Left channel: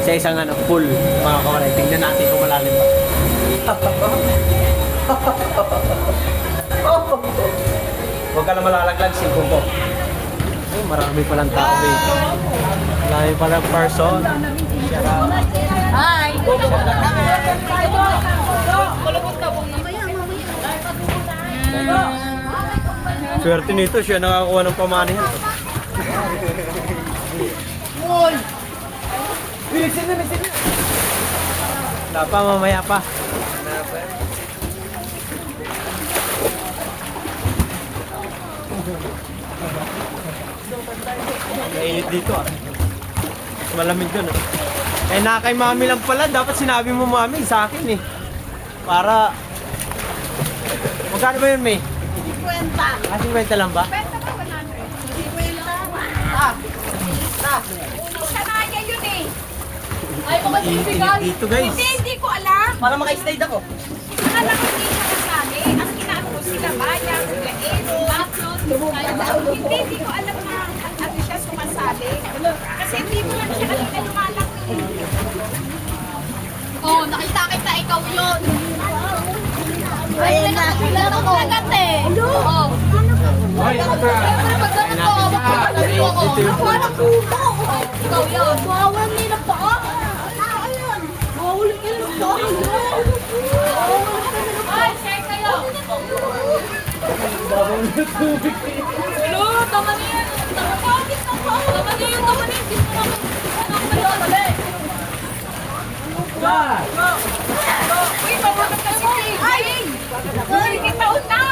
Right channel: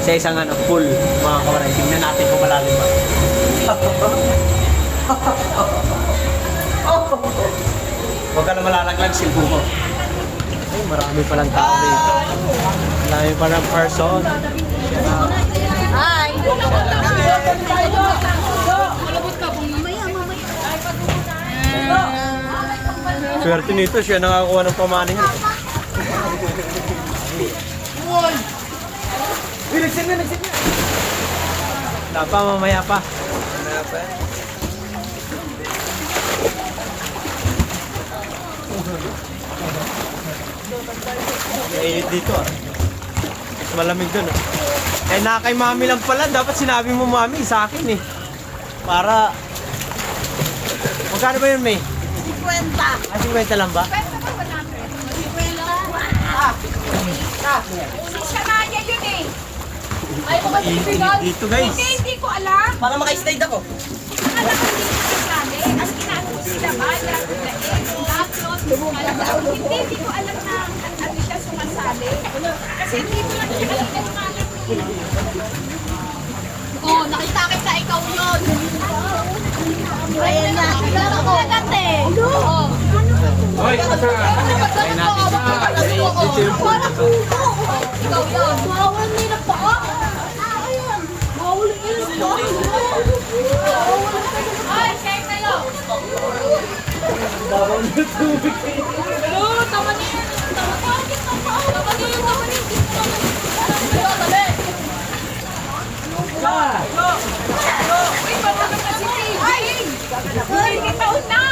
sa isang pool, mga kawaray. Tingnan natin kung malalim ba. Huwag ka na malalaglag, silpong ko. Oh, marami palang tao dito. Marami palang person. Shout out. Hi! Swerte nito, siya nakakuha ng pamanihan. Uy! Uy, nagsin na! Wala pa, mamaya pa. Mainit dito Mas malamig dun Eh na kay mami lang pala, dapat sinabi mo mami sa akin Para magkano ba yun, May? 50. 50 lang ba? Sanaya yun eh. Mainit dito, guys. Hindi ko alam. Para maka-stay ako. Ito na lang ang sinasabi. As kinako sila bayan, sila hindi ko alam na ano siya sumasabi. Kasi hindi mo lang siya alam na lumalak. Oh, nakita kita ikaw yun. Ayun na, kilala ko agad eh. Oo. Kaya natin dito. Dito yung pool na to. Ikaw yun. Bawal nila pa. Ayan. Bawal nila. Ay, share kayo. Babaw na tubig. Hello, tama na yan. Tama na yan. Tama na yan. Tama na yan. Uy, matulog na si Tiging. Lumilitaon na.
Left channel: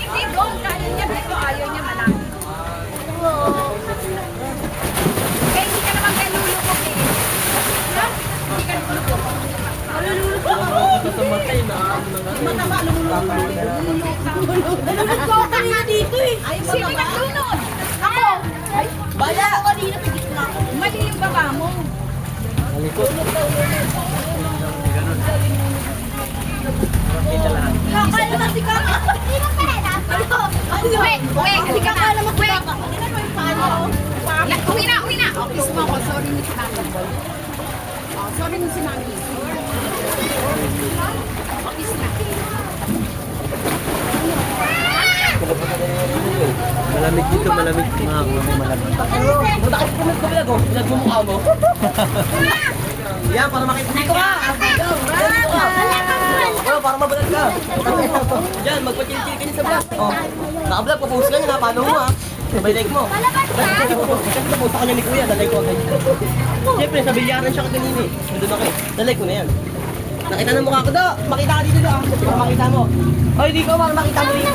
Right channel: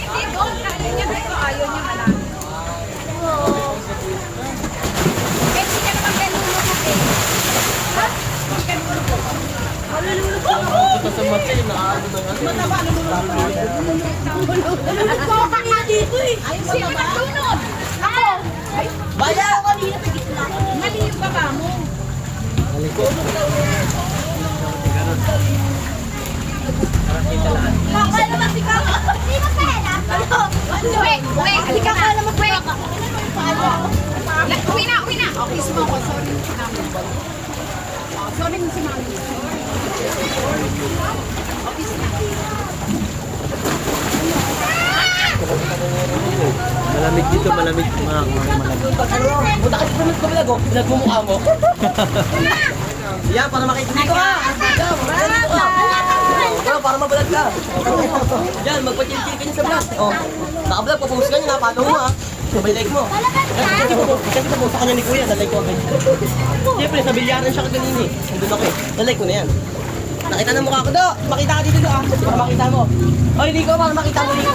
Hindi mo. Ayaw niya dito. Ayaw niya malalim. Eh, hindi ka naman kalulog eh. Ha? Hindi ka kalulog. Malululog ka mo. Mataba, lumulog. Lumulog ko kanina dito eh. Sino nagtunod? Ako. Ay, baya ako kanina sa gitna. Mali yung baba mo. Nalikot. Ganun. Para kita lahat. Kaya naman si Kaka. Wait, halika na. Wait. Uwi na. Okay, sumako. Sorry, Miss Mami. Sorry, Miss Mami. Okay, Malamig dito, malamig. Mga malamig. Buta kasi panod ko pinagmumukha mo. Yan, para makita dito ka. Dito ka. Bro, para mabulag ka. Yan, magpa-chill-chill ka niya sa vlog. Oh, naka-vlog, papost ka niya, napalo mo Sabay like mo. Kasi papost sa kanya ni Kuya, na-like ko agad. Siyempre, sa bilyaran siya kanina Nandun ako na-like ko na yan. Nakita na mukha ko do. Makita ka dito do Para makita mo. Oy, dito para makita mo dito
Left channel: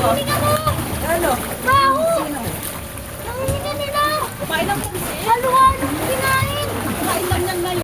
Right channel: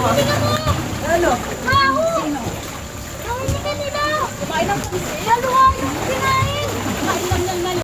Ano? Kumain ng pusit. Haluha.